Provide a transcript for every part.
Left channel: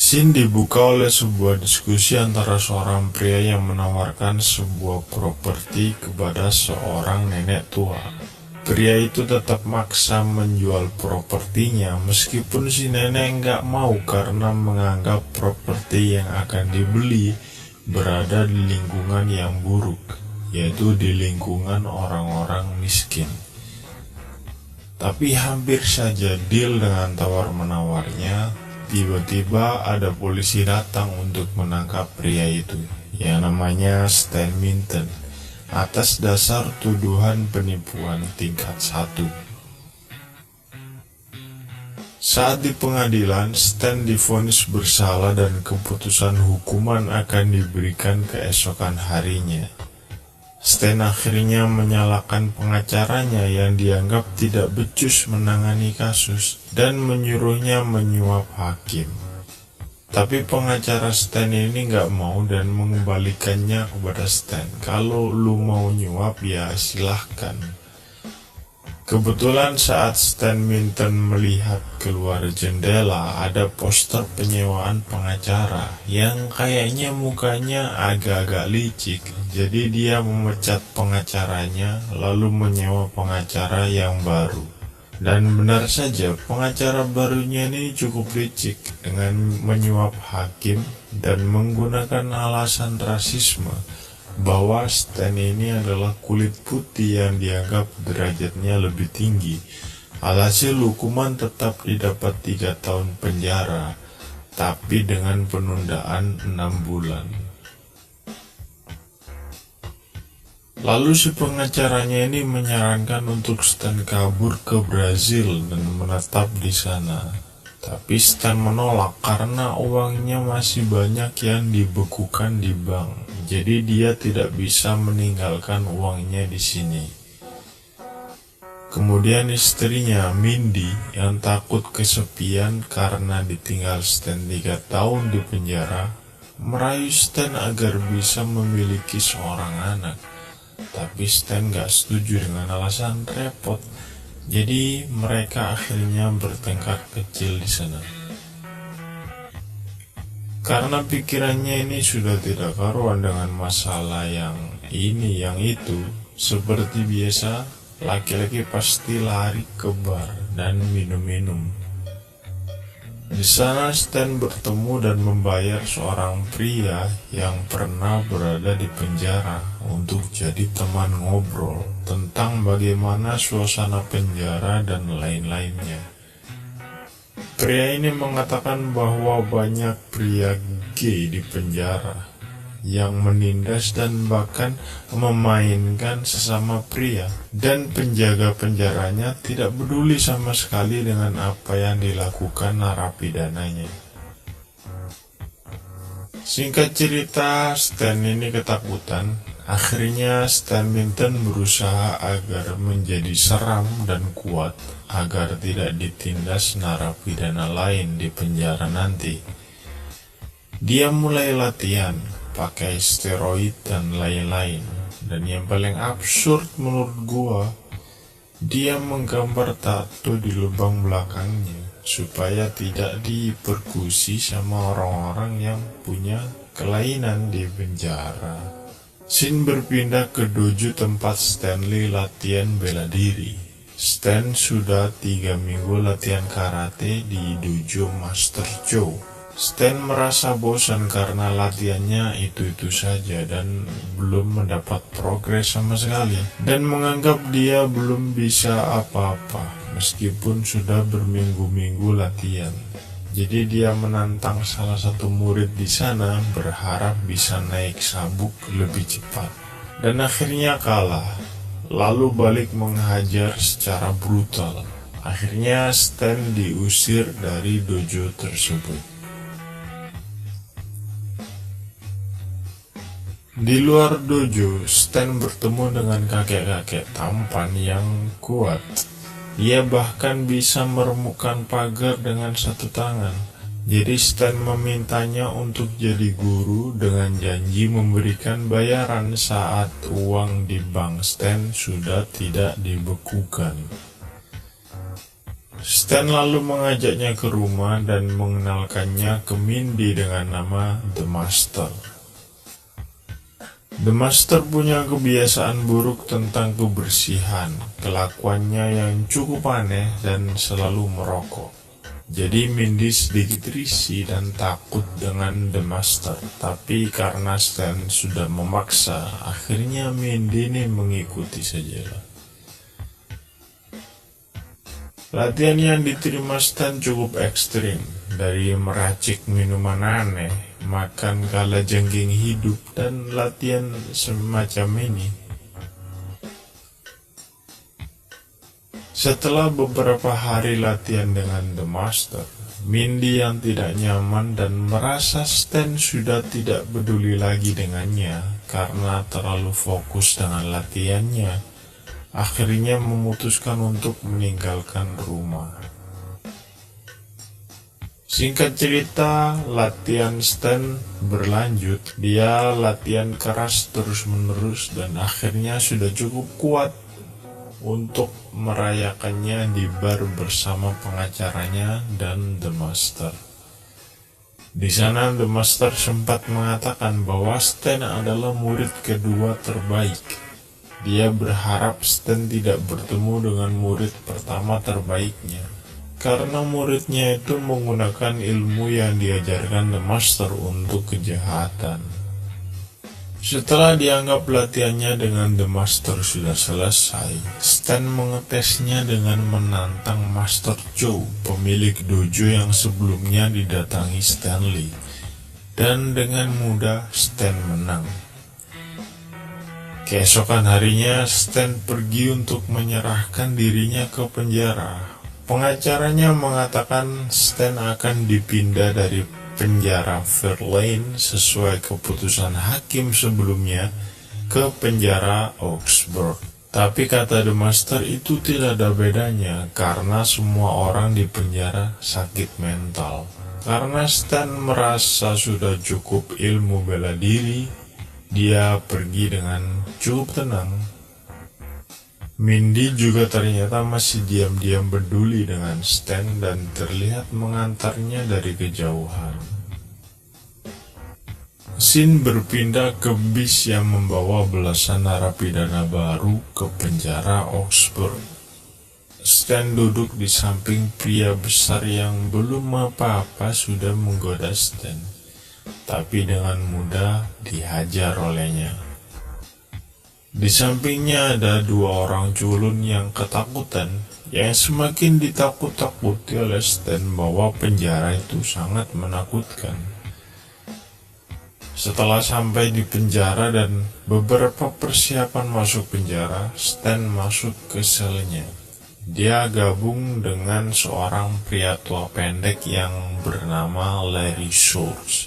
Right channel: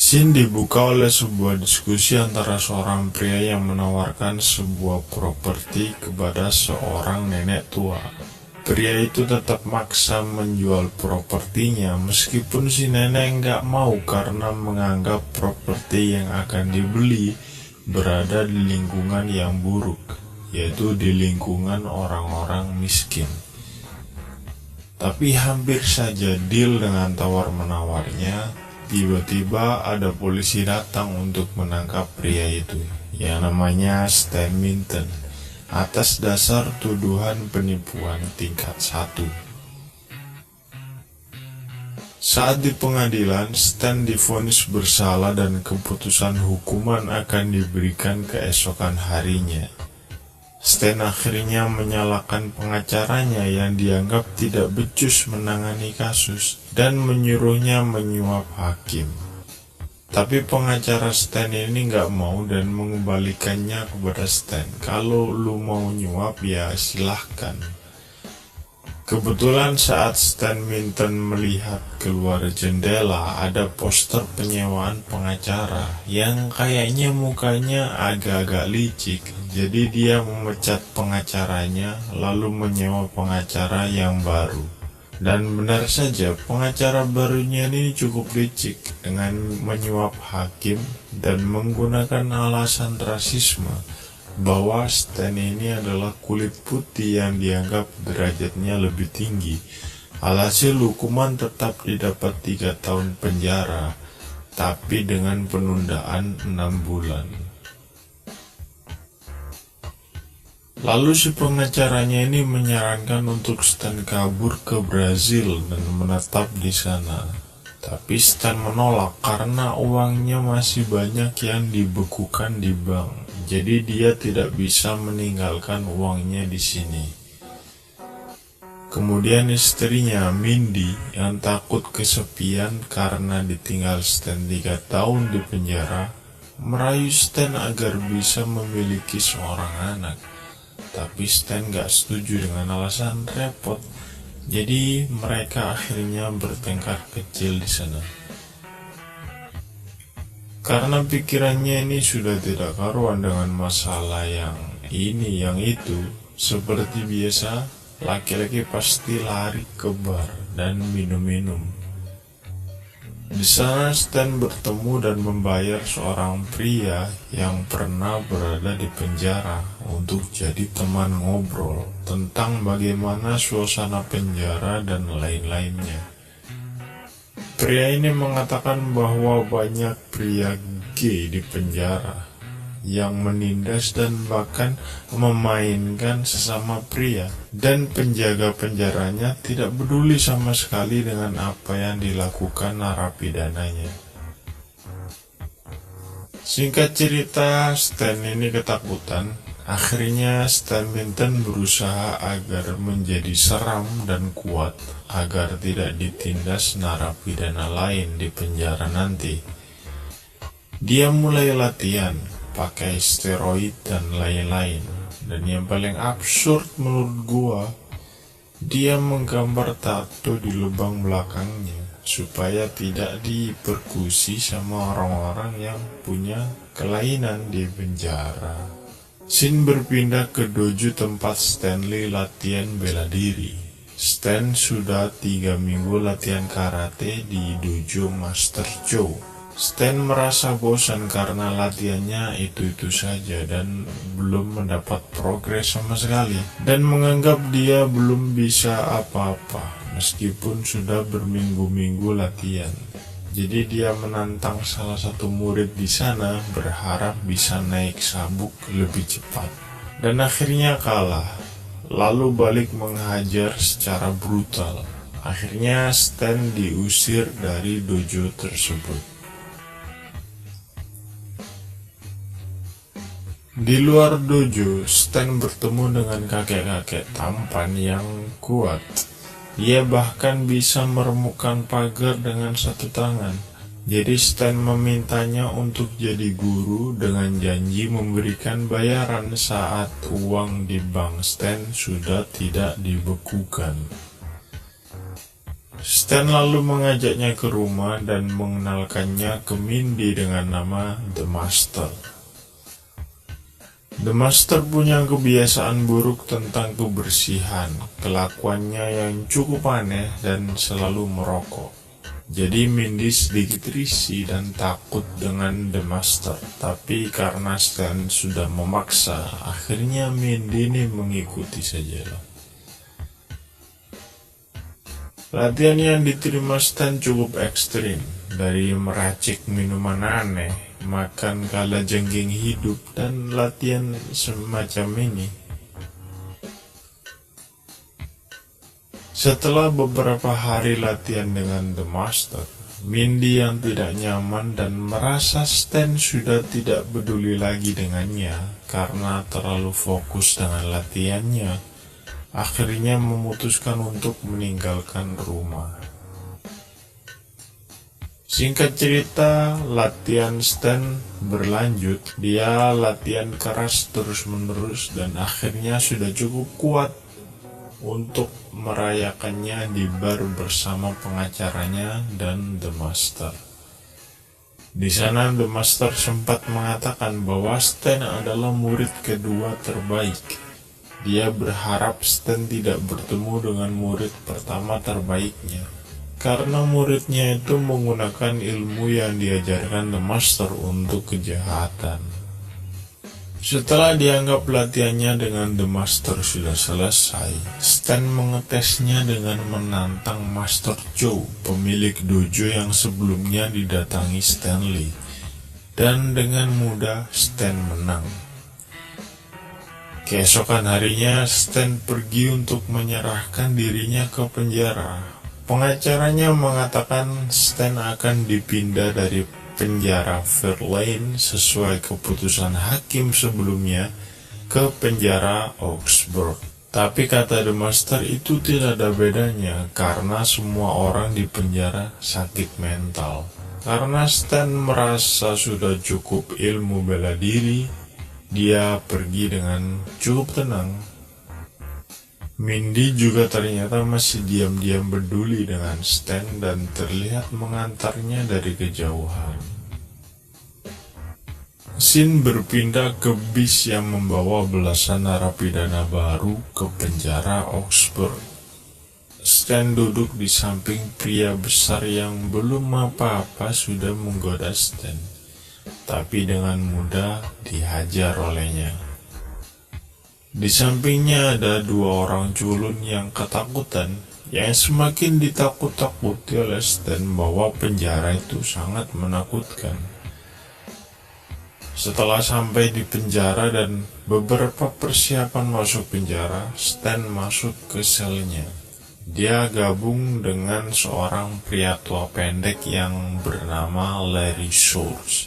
Scene dibuka oleh sebuah diskusi antara seorang pria yang menawarkan sebuah properti kepada seorang nenek tua. Pria itu tetap maksa menjual propertinya meskipun si nenek nggak mau karena menganggap properti yang akan dibeli berada di lingkungan yang buruk, yaitu di lingkungan orang-orang miskin. Tapi hampir saja deal dengan tawar-menawarnya, tiba-tiba ada polisi datang untuk menangkap pria itu, yang namanya Stan Minton, atas dasar tuduhan penipuan tingkat 1. Saat di pengadilan, Stan divonis bersalah dan keputusan hukuman akan diberikan keesokan harinya. Stan akhirnya menyalahkan pengacaranya yang dianggap tidak becus menangani kasus dan menyuruhnya menyuap hakim. Tapi pengacara Stan ini nggak mau dan mengembalikannya kepada Stan. Kalau lu mau nyuap ya silahkan. Kebetulan saat Stan Minton melihat keluar jendela, ada poster penyewaan pengacara yang kayaknya mukanya agak-agak licik. Jadi dia memecat pengacaranya lalu menyewa pengacara yang baru. Dan benar saja pengacara barunya ini cukup licik dengan menyuap hakim dan menggunakan alasan rasisme bahwa Stan ini adalah kulit putih yang dianggap derajatnya lebih tinggi. Alhasil hukuman tetap didapat 3 tahun penjara, tapi dengan penundaan 6 bulan. Lalu si pengacaranya ini menyarankan untuk Stan kabur ke Brazil dan menetap di sana. Tapi Stan menolak karena uangnya masih banyak yang dibekukan di bank. Jadi dia tidak bisa meninggalkan uangnya di sini. Kemudian istrinya Mindy yang takut kesepian karena ditinggal Stan 3 tahun di penjara, merayu Stan agar bisa memiliki seorang anak. Tapi Stan gak setuju dengan alasan repot. Jadi mereka akhirnya bertengkar kecil di sana. Karena pikirannya ini sudah tidak karuan dengan masalah yang ini yang itu. Seperti biasa, laki-laki pasti lari ke bar dan minum-minum. Di sana Stan bertemu dan membayar seorang pria yang pernah berada di penjara untuk jadi teman ngobrol tentang bagaimana suasana penjara dan lain-lainnya. Pria ini mengatakan bahwa banyak pria gay di penjara yang menindas dan bahkan memainkan sesama pria, dan penjaga penjaranya tidak peduli sama sekali dengan apa yang dilakukan narapidananya. Singkat cerita, Stan ini ketakutan. Akhirnya Stan Minton berusaha agar menjadi seram dan kuat agar tidak ditindas narapidana lain di penjara nanti. Dia mulai latihan pakai steroid dan lain-lain. Dan yang paling absurd menurut gua, dia menggambar tato di lubang belakangnya supaya tidak diperkusi sama orang-orang yang punya kelainan di penjara. Scene berpindah ke dojo tempat Stanley latihan bela diri. Stan sudah 3 minggu latihan karate di dojo Master Joe. Stan merasa bosan karena latihannya itu-itu saja dan belum mendapat progres sama sekali, dan menganggap dia belum bisa apa-apa meskipun sudah berminggu-minggu latihan. Jadi dia menantang salah satu murid di sana berharap bisa naik sabuk lebih cepat, dan akhirnya kalah, lalu balik menghajar secara brutal. Akhirnya Stan diusir dari dojo tersebut. Di luar dojo, Stan bertemu dengan kakek-kakek tampan yang kuat. Ia bahkan bisa meremukkan pagar dengan satu tangan. Jadi Stan memintanya untuk jadi guru dengan janji memberikan bayaran saat uang di bank Stan sudah tidak dibekukan. Stan lalu mengajaknya ke rumah dan mengenalkannya ke Mindy dengan nama The Master. The Master punya kebiasaan buruk tentang kebersihan, kelakuannya yang cukup aneh dan selalu merokok. Jadi Mindy sedikit risih dan takut dengan The Master, tapi karena Stan sudah memaksa, akhirnya Mindy ini mengikuti sajalah. Latihan yang diterima Stan cukup ekstrim, dari meracik minuman aneh, makan kalajengking hidup, dan latihan semacam ini. Setelah beberapa hari latihan dengan The Master, Mindy yang tidak nyaman dan merasa Stan sudah tidak peduli lagi dengannya karena terlalu fokus dengan latihannya, akhirnya memutuskan untuk meninggalkan rumah. Singkat cerita, latihan Stan berlanjut. Dia latihan keras terus-menerus dan akhirnya sudah cukup kuat untuk merayakannya di bar bersama pengacaranya dan The Master. Di sana The Master sempat mengatakan bahwa Stan adalah murid kedua terbaik. Dia berharap Stan tidak bertemu dengan murid pertama terbaiknya, karena muridnya itu menggunakan ilmu yang diajarkan The Master untuk kejahatan. Setelah dianggap latihannya dengan The Master sudah selesai, Stan mengetesnya dengan menantang Master Chow, pemilik dojo yang sebelumnya didatangi Stanley, dan dengan mudah Stan menang. Keesokan harinya, Stan pergi untuk menyerahkan dirinya ke penjara. Pengacaranya mengatakan Stan akan dipindah dari penjara Fairlane sesuai keputusan hakim sebelumnya ke penjara Augsburg. Tapi kata The Master itu tidak ada bedanya karena semua orang di penjara sakit mental. Karena Stan merasa sudah cukup ilmu bela diri, dia pergi dengan cukup tenang. Mindy juga ternyata masih diam-diam peduli dengan Stan dan terlihat mengantarnya dari kejauhan. Scene berpindah ke bis yang membawa belasan narapidana baru ke penjara Augsburg. Stan duduk di samping pria besar yang belum apa-apa sudah menggoda Stan, tapi dengan mudah dihajar olehnya. Di sampingnya ada dua orang culun yang ketakutan, yang semakin ditakut-takuti oleh Stan bahwa penjara itu sangat menakutkan. Setelah sampai di penjara dan beberapa persiapan masuk penjara, Stan masuk ke selnya. Dia gabung dengan seorang pria tua pendek yang bernama Larry Schultz.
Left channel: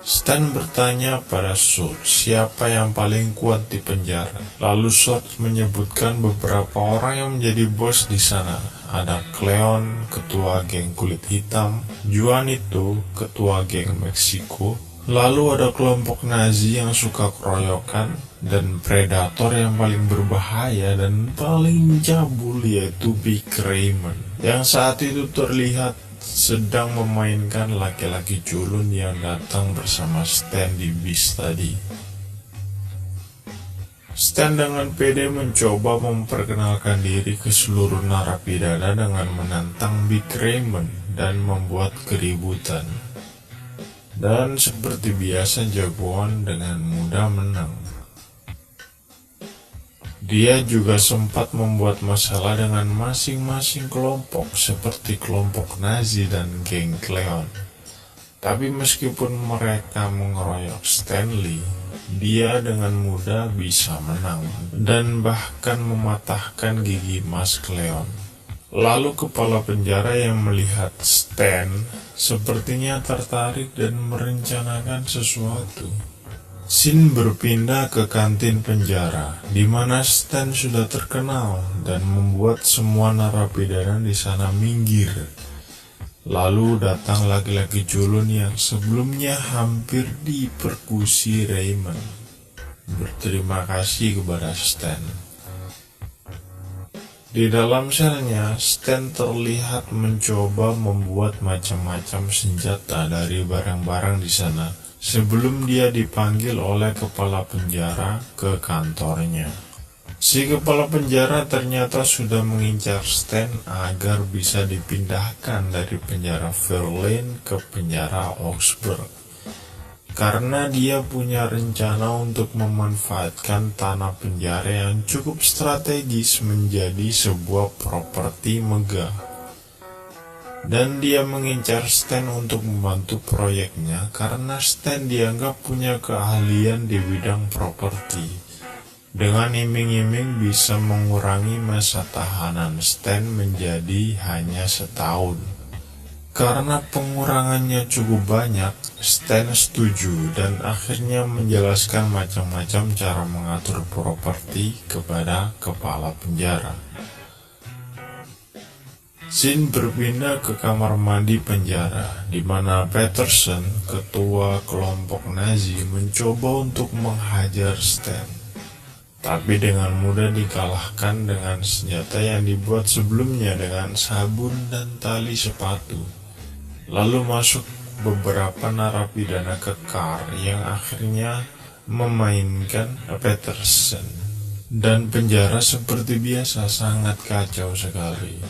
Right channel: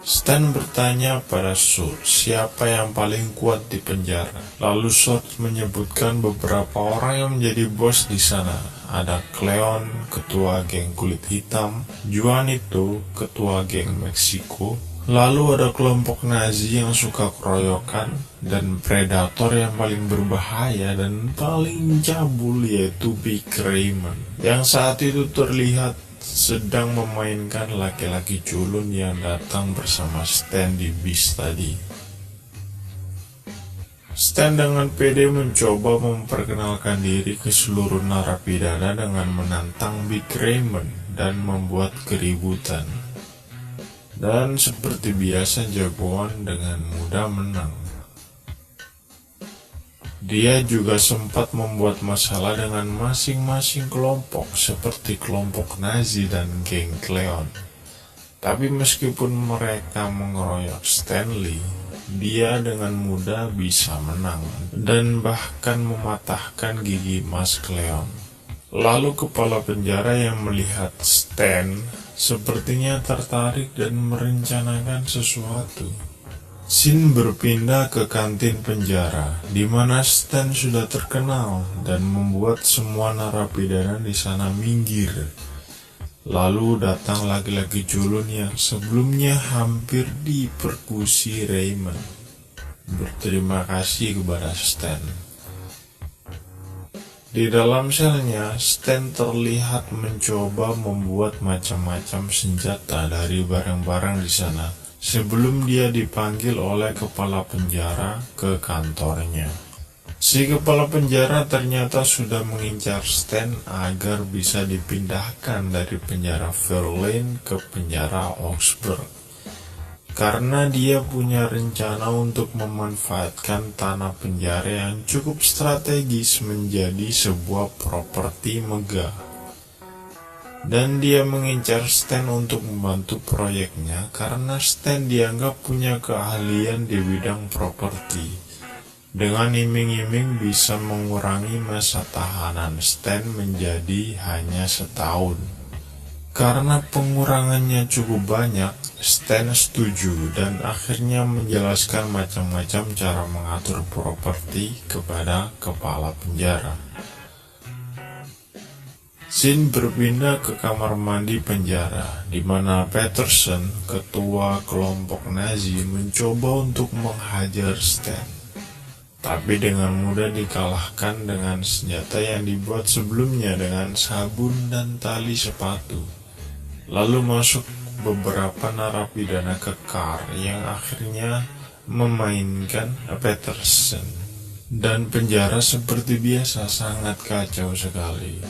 Stan bertanya pada Schultz siapa yang paling kuat di penjara. Lalu Schultz menyebutkan beberapa orang yang menjadi bos di sana. Ada Cleon, ketua geng kulit hitam, Juanito, ketua geng Meksiko. Lalu ada kelompok Nazi yang suka keroyokan, dan predator yang paling berbahaya dan paling cabul yaitu Big Raymond, yang saat itu terlihat sedang memainkan laki-laki culun yang datang bersama Stan di bis tadi. Stan dengan pede mencoba memperkenalkan diri ke seluruh narapidana dengan menantang Big Raymond dan membuat keributan. Dan seperti biasa jagoan dengan mudah menang. Dia juga sempat membuat masalah dengan masing-masing kelompok seperti kelompok Nazi dan geng Cleon. Tapi meskipun mereka mengeroyok Stanley, dia dengan mudah bisa menang dan bahkan mematahkan gigi Mas Cleon. Lalu kepala penjara yang melihat Stan sepertinya tertarik dan merencanakan sesuatu. Scene berpindah ke kantin penjara, di mana Stan sudah terkenal dan membuat semua narapidana di sana minggir. Lalu datang laki-laki culun yang sebelumnya hampir dipersekusi Raymond. Berterima kasih kepada Stan. Di dalam selnya, Stan terlihat mencoba membuat macam-macam senjata dari barang-barang di sana sebelum dia dipanggil oleh kepala penjara ke kantornya. Si kepala penjara ternyata sudah mengincar Stan agar bisa dipindahkan dari penjara Fairlane ke penjara Augsburg. Karena dia punya rencana untuk memanfaatkan tanah penjara yang cukup strategis menjadi sebuah properti megah. Dan dia mengincar Stan untuk membantu proyeknya karena Stan dianggap punya keahlian di bidang properti. Dengan iming-iming bisa mengurangi masa tahanan Stan menjadi hanya setahun. Karena pengurangannya cukup banyak, Stan setuju dan akhirnya menjelaskan macam-macam cara mengatur properti kepada kepala penjara. Scene berpindah ke kamar mandi penjara, di mana Peterson, ketua kelompok Nazi, mencoba untuk menghajar Stan. Tapi dengan mudah dikalahkan dengan senjata yang dibuat sebelumnya dengan sabun dan tali sepatu. Lalu masuk beberapa narapidana kekar yang akhirnya memainkan Peterson. Dan penjara seperti biasa sangat kacau sekali.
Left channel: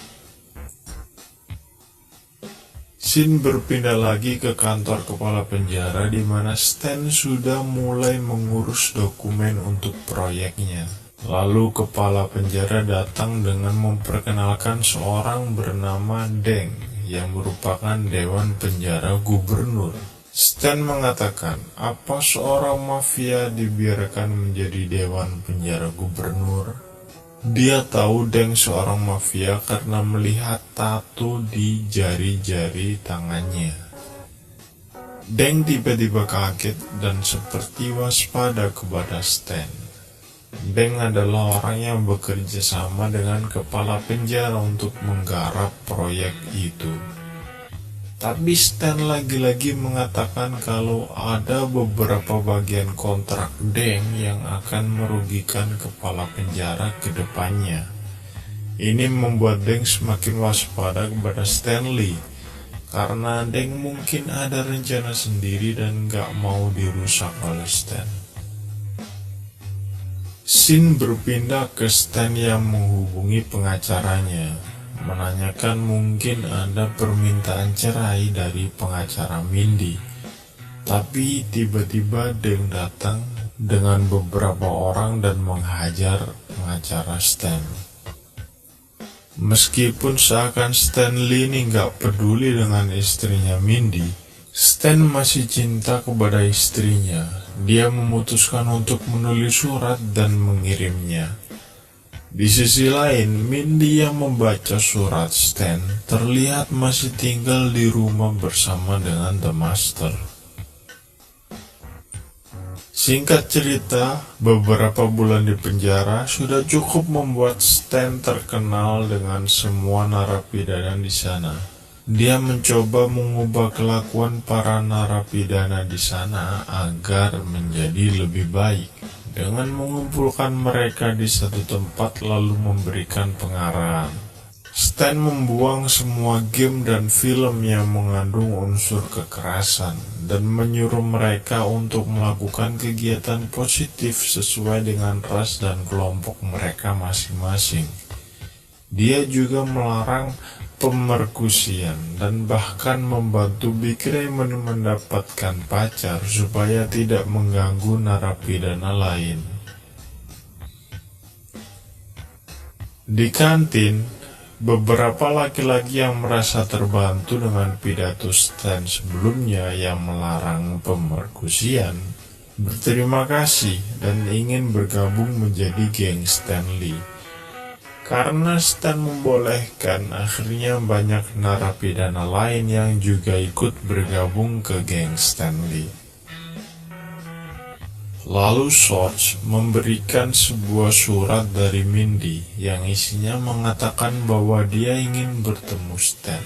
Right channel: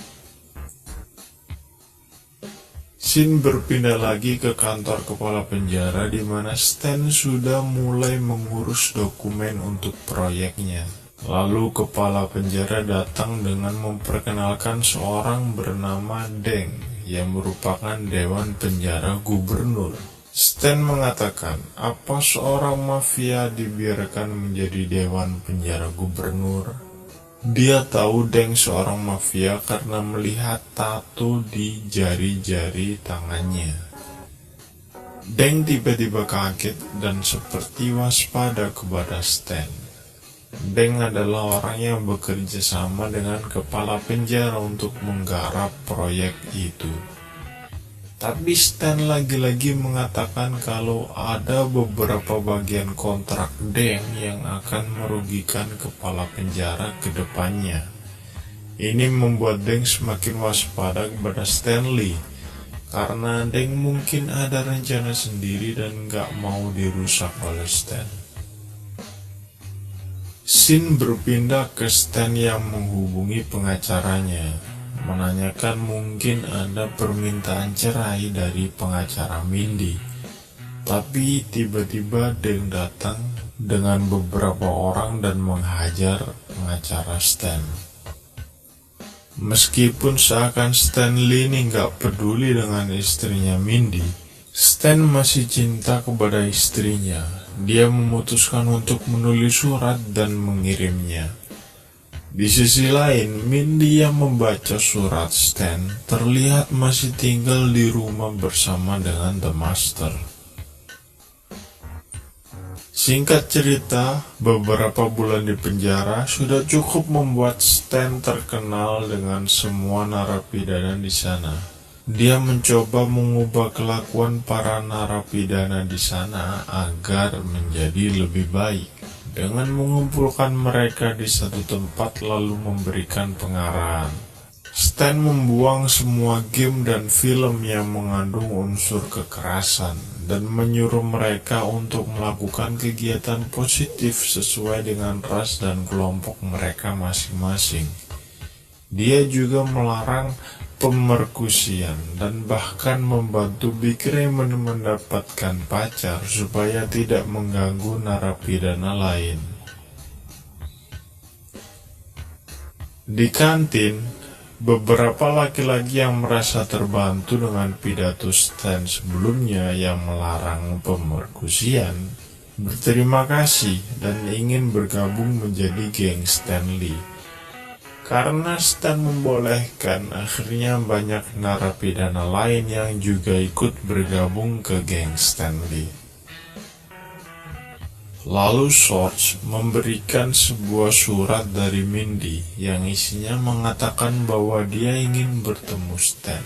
Scene berpindah lagi ke kantor kepala penjara di mana Stan sudah mulai mengurus dokumen untuk proyeknya. Lalu kepala penjara datang dengan memperkenalkan seorang bernama Deng yang merupakan dewan penjara gubernur. Stan mengatakan, apa seorang mafia dibiarkan menjadi dewan penjara gubernur? Dia tahu Deng seorang mafia karena melihat tato di jari-jari tangannya. Deng tiba-tiba kaget dan seperti waspada kepada Stan. Deng adalah orang yang bekerja sama dengan kepala penjara untuk menggarap proyek itu. Tapi Stan lagi-lagi mengatakan kalau ada beberapa bagian kontrak Deng yang akan merugikan kepala penjara ke depannya. Ini membuat Deng semakin waspada kepada Stanley, karena Deng mungkin ada rencana sendiri dan gak mau dirusak oleh Stan. Scene berpindah ke Stan yang menghubungi pengacaranya, menanyakan mungkin ada permintaan cerai dari pengacara Mindy. Tapi tiba-tiba Deng datang dengan beberapa orang dan menghajar pengacara Stan. Meskipun seakan Stanley ini gak peduli dengan istrinya Mindy, Stan masih cinta kepada istrinya. Dia memutuskan untuk menulis surat dan mengirimnya. Di sisi lain, Mindy yang membaca surat Stan terlihat masih tinggal di rumah bersama dengan The Master. Singkat cerita, beberapa bulan di penjara sudah cukup membuat Stan terkenal dengan semua narapidana di sana. Dia mencoba mengubah kelakuan para narapidana di sana agar menjadi lebih baik dengan mengumpulkan mereka di satu tempat lalu memberikan pengarahan. Stan membuang semua game dan film yang mengandung unsur kekerasan dan menyuruh mereka untuk melakukan kegiatan positif sesuai dengan ras dan kelompok mereka masing-masing. Dia juga melarang pemerkusian dan bahkan membantu Big Raymond mendapatkan pacar supaya tidak mengganggu narapidana lain. Di kantin, beberapa laki-laki yang merasa terbantu dengan pidato Stan sebelumnya yang melarang pemerkusian berterima kasih dan ingin bergabung menjadi geng Stanley. Karena Stan membolehkan, akhirnya banyak narapidana lain yang juga ikut bergabung ke geng Stanley. Lalu Sorge memberikan sebuah surat dari Mindy yang isinya mengatakan bahwa dia ingin bertemu Stan.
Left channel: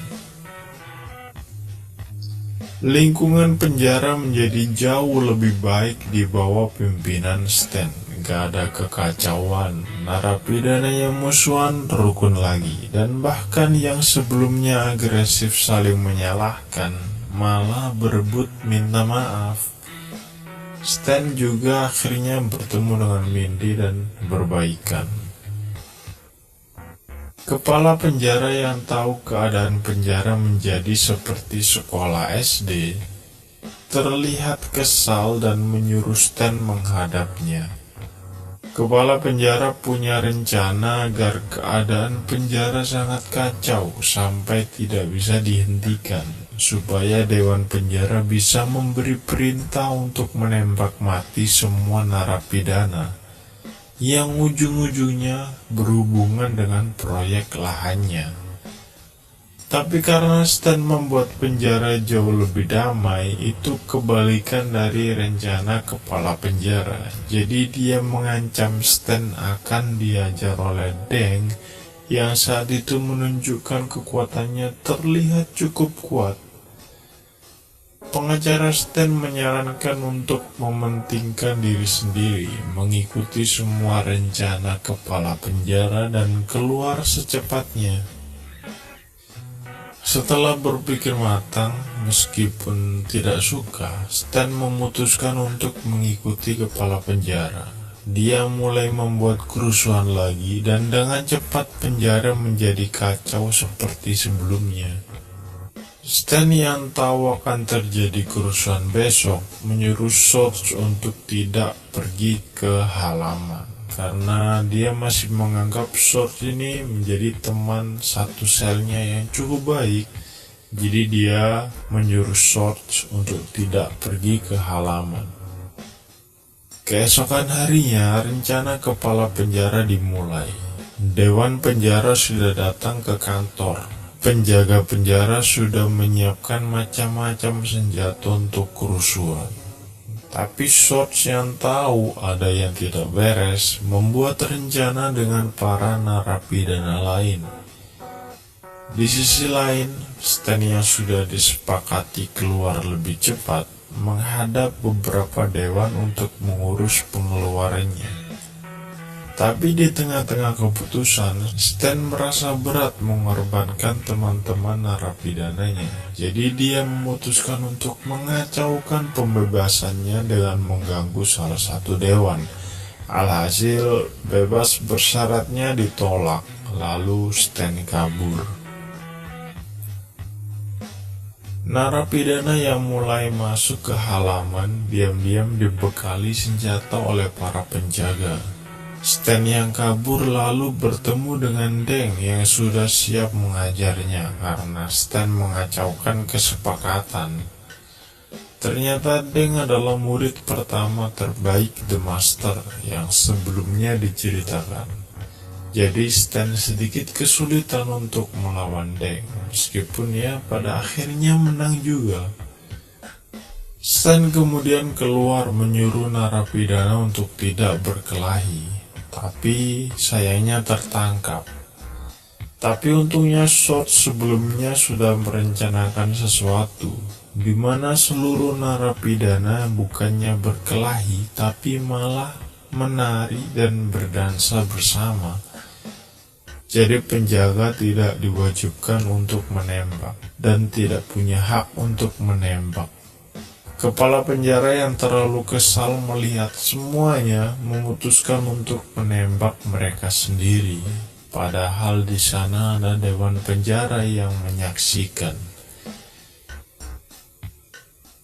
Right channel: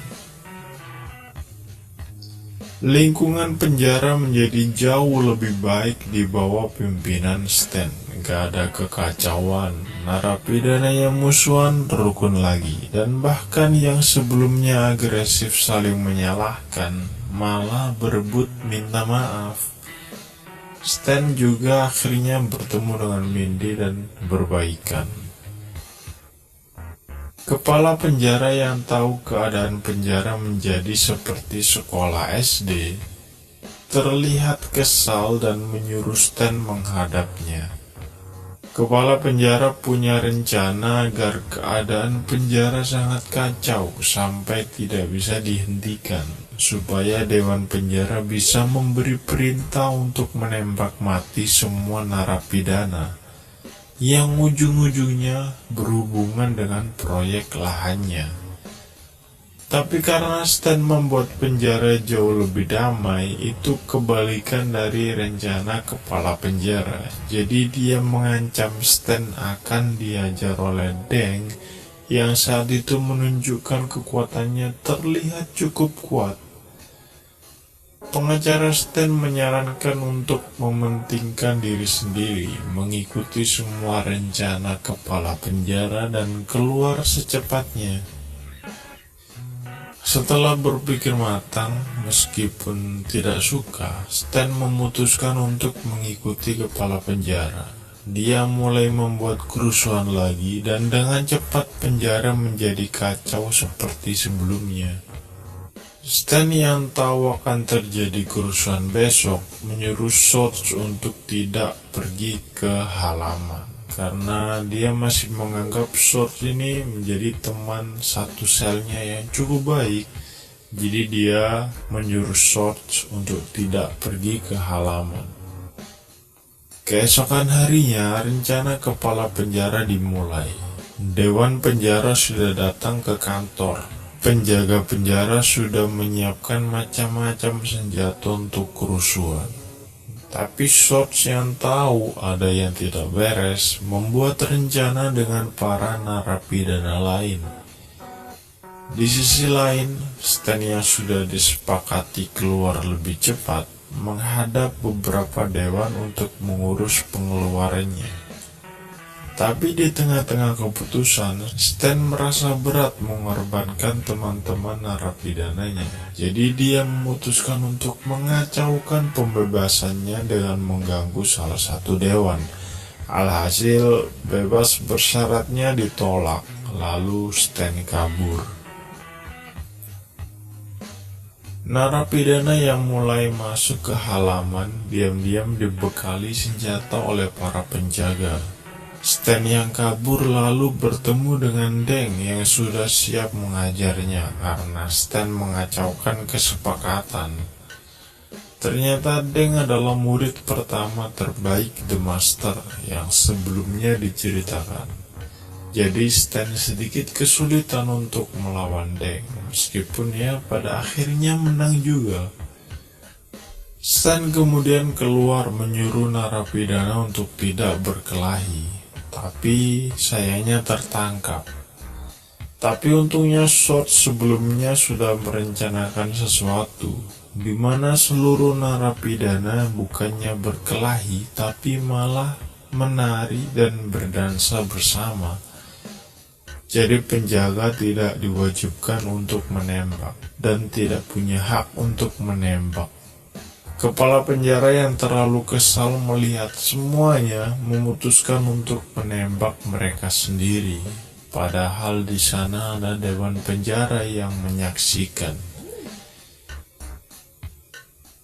Lingkungan penjara menjadi jauh lebih baik di bawah pimpinan Stan gak ada kekacauan, narapidana yang musuhan rukun lagi, dan bahkan yang sebelumnya agresif saling menyalahkan malah berebut minta maaf. Stan juga akhirnya bertemu dengan Mindy dan berbaikan. Kepala penjara yang tahu keadaan penjara menjadi seperti sekolah SD terlihat kesal dan menyuruh Stan menghadapnya. Kepala penjara punya rencana agar keadaan penjara sangat kacau sampai tidak bisa dihentikan, supaya Dewan Penjara bisa memberi perintah untuk menembak mati semua narapidana yang ujung-ujungnya berhubungan dengan proyek lahannya. Tapi karena Stan membuat penjara jauh lebih damai, itu kebalikan dari rencana kepala penjara. Jadi dia mengancam Stan akan diajar oleh Deng yang saat itu menunjukkan kekuatannya terlihat cukup kuat. Pengacara Stan menyarankan untuk mementingkan diri sendiri, mengikuti semua rencana kepala penjara dan keluar secepatnya. Setelah berpikir matang, meskipun tidak suka, Stan memutuskan untuk mengikuti kepala penjara. Dia mulai membuat kerusuhan lagi dan dengan cepat penjara menjadi kacau seperti sebelumnya. Stan yang tahu akan terjadi kerusuhan besok menyuruh Sorge untuk tidak pergi ke halaman, karena dia masih menganggap Sorge ini menjadi teman satu selnya yang cukup baik. Jadi dia menyuruh Sorge untuk tidak pergi ke halaman. Keesokan harinya, rencana kepala penjara dimulai. Dewan penjara sudah datang ke kantor. Penjaga penjara sudah menyiapkan macam-macam senjata untuk kerusuhan. Tapi Sorge yang tahu ada yang tidak beres membuat rencana dengan para narapidana lain. Di sisi lain, Stan yang sudah disepakati keluar lebih cepat menghadap beberapa dewan untuk mengurus pengeluarannya. Tapi di tengah-tengah keputusan, Stan merasa berat mengorbankan teman-teman narapidananya. Jadi dia memutuskan untuk mengacaukan pembebasannya dengan mengganggu salah satu dewan. Alhasil, bebas bersyaratnya ditolak, lalu Stan kabur. Narapidana yang mulai masuk ke halaman diam-diam dibekali senjata oleh para penjaga. Stan yang kabur lalu bertemu dengan Deng yang sudah siap mengajarnya karena Stan mengacaukan kesepakatan. Ternyata Deng adalah murid pertama terbaik The Master yang sebelumnya diceritakan. Jadi Stan sedikit kesulitan untuk melawan Deng, meskipun ya pada akhirnya menang juga. Stan kemudian keluar menyuruh narapidana untuk tidak berkelahi. Tapi sayangnya tertangkap. Tapi untungnya Sorge sebelumnya sudah merencanakan sesuatu, di mana seluruh narapidana bukannya berkelahi, tapi malah menari dan berdansa bersama. Jadi penjaga tidak diwajibkan untuk menembak, dan tidak punya hak untuk menembak. Kepala penjara yang terlalu kesal melihat semuanya memutuskan untuk menembak mereka sendiri. Padahal di sana ada dewan penjara yang menyaksikan.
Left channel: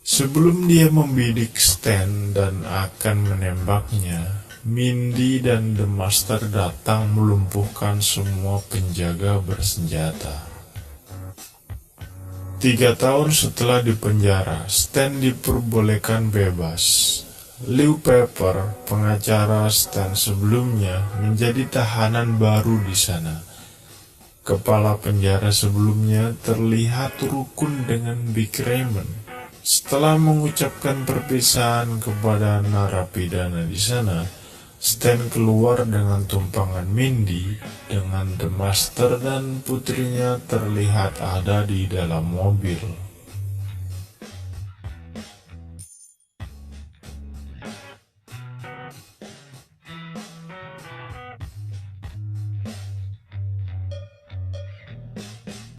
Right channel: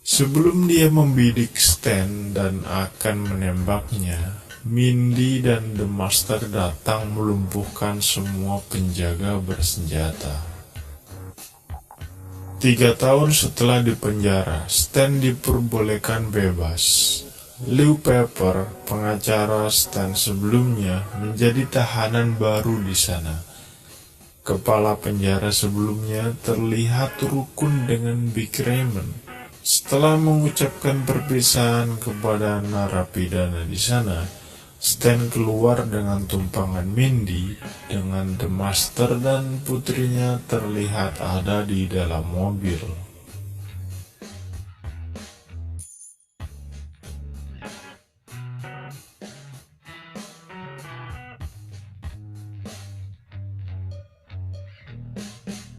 Sebelum dia membidik Stan dan akan menembaknya, Mindy dan The Master datang melumpuhkan semua penjaga bersenjata. 3 tahun setelah dipenjara, Stan diperbolehkan bebas. Liu Pepper, pengacara Stan sebelumnya, menjadi tahanan baru di sana. Kepala penjara sebelumnya terlihat rukun dengan Big Raymond. Setelah mengucapkan perpisahan kepada narapidana di sana, Stan keluar dengan tumpangan Mindy dengan The Master dan putrinya terlihat ada di dalam mobil.